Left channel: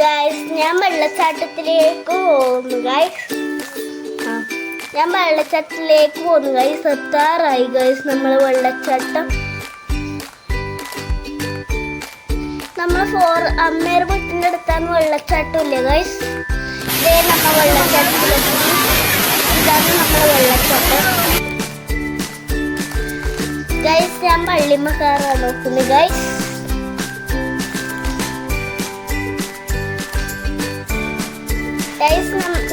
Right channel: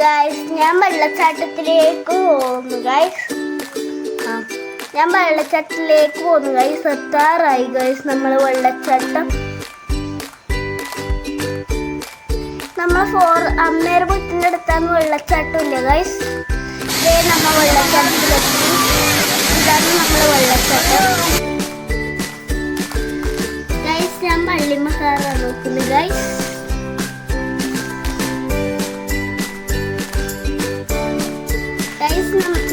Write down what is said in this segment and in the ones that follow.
Guys, ഞാൻ വെള്ളച്ചാട്ടത്തിലേക്ക് പോകുന്നു guys. ഞാൻ വെള്ളച്ചാട്ടത്തിലേക്ക് പോകുന്നു ഗൈസ്. എത്താറായി ഗൈസ് നമ്മൾ വെള്ളച്ചാട്ടം. അമ്മേരെ വീട്ടിൻ്റെ അടുത്താണ് വെള്ളച്ചാട്ടം ഇല്ലേ ഗൈസ്. ഇതേ നമ്മൾ വെള്ളച്ചാട്ടത്തിലെത്തി. ഇതാണ് നമ്മൾ വെള്ളച്ചാട്ടം ഗൈസ്. ഞാൻ പള്ളിമ്മ കയറാൻ നോക്കുന്നു ഗൈസ്.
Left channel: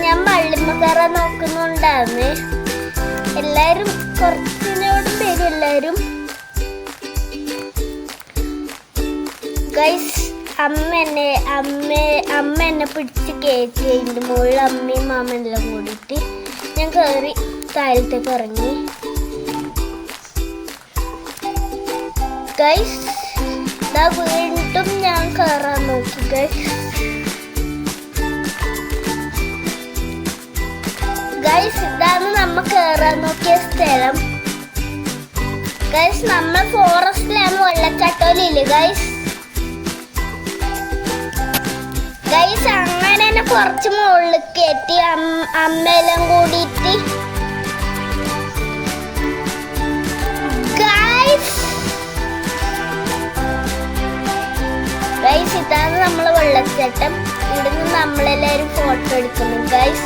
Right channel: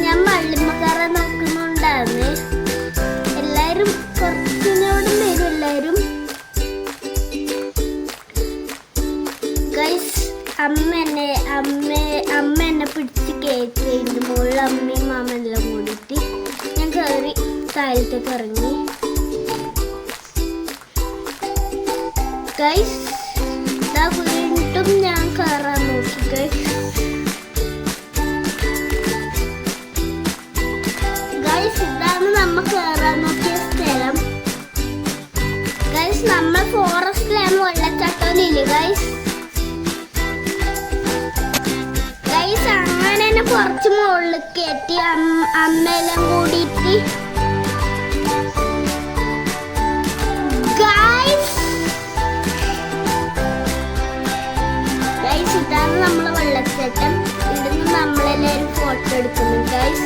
ഞാൻ പള്ളിമ്മ കയറാൻ നോക്കുന്നുണ്ടാന്ന്. എല്ലാരും കുറച്ചിനോടും വരും എല്ലാരും ഗൈസ്. അമ്മ എന്നെ പിടിച്ച് കയറ്റി അതിൻ്റെ മുകളിൽ അമ്മയും മാമെല്ലാം കൂടിയിട്ട് ഞാൻ കയറി താഴത്തേക്ക് ഇറങ്ങി ഗൈസ്. ഇതാ വീണ്ടും ഞാൻ കയറാൻ നോക്കി ഗൈസ്. ഗൈസ്, ഇതാണ് നമ്മ കയറാൻ നോക്കിയ സ്ഥലം ഗൈസ്. നമ്മൾ ഫോറസ്റ്റിലാണ്, വെള്ളച്ചാട്ടമില്ലേ ഗൈസ്. ഗൈസ്, അങ്ങനെ തന്നെ കുറച്ച് മുകളിൽ കയറ്റി അമ്മയെല്ലാം കൂടിയിട്ട് ഗൈസ്. ഇതാണ് നമ്മളെ വെള്ളച്ചാട്ടം. ഇവിടുന്ന് നമ്മളെല്ലാവരും ഫോട്ടോ എടുക്കുന്നു ഗൈസ്.